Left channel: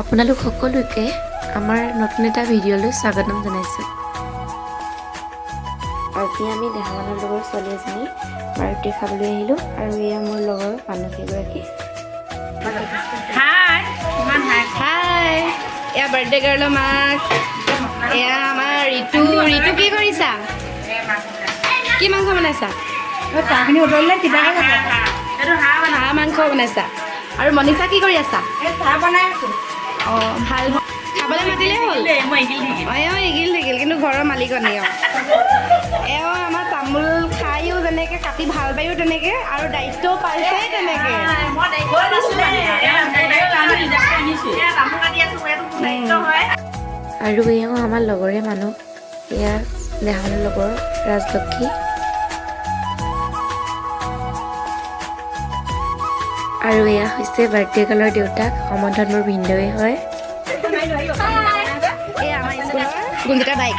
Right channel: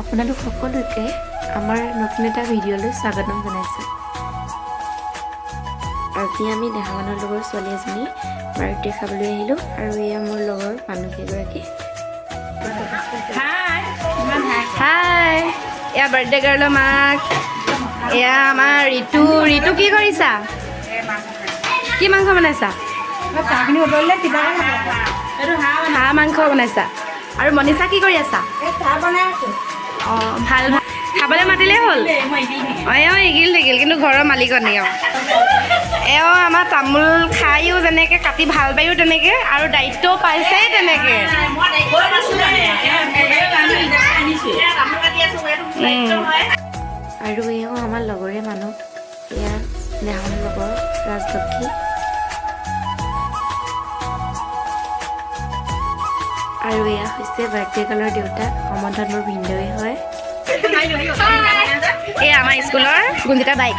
আপোনালোক সকলোকে আমাৰ নতুন এটা ভিডিঅ'লৈ স্বাগতম জনাইছোঁ। আজি আমি দেহামানৰ লগৰ ছোৱালী এজনী বাৰ্থডে খাবলৈ আহিলোঁ আৰু এয়া মোৰ লগৰ মানুহকেইগৰাকী। হাই এয়া বাৰ্থডে গাৰ্লৰ মাক, এয়া আমাৰ ঋতু। ঋতু কি কৰিছা? কি মাংস বনাইছা? হাঁহ মাংস বনাইছা। আৰু মনীষা কি কৰি আছা? অঁ ভাল ভাল, খাবলৈ মাতিলেই হ'ল। অঁ এগিল থাকিল, কিন্তু ঘৰৰ মালিকনী এওঁ আমাৰ তামোল খায়ো যেনেকৈ, কাটি ভাল পায়ো তেনেকৈ, আৰু দায়িত্বও পাইছেই তেনেকৈ। আৰু এওঁ আমাৰ লগৰে মানুহ, এয়া দেহামানৰ লগৰ ৰাজলক্ষী। আৰু এয়া হৈছে বাৰ্থডে গাৰ্লৰ দেউতাক, সম্বন্ধত মোৰ ভিনদেউৱে হয়। এই আমাৰ স্কুলৰ গুঞ্জিতা বাইক।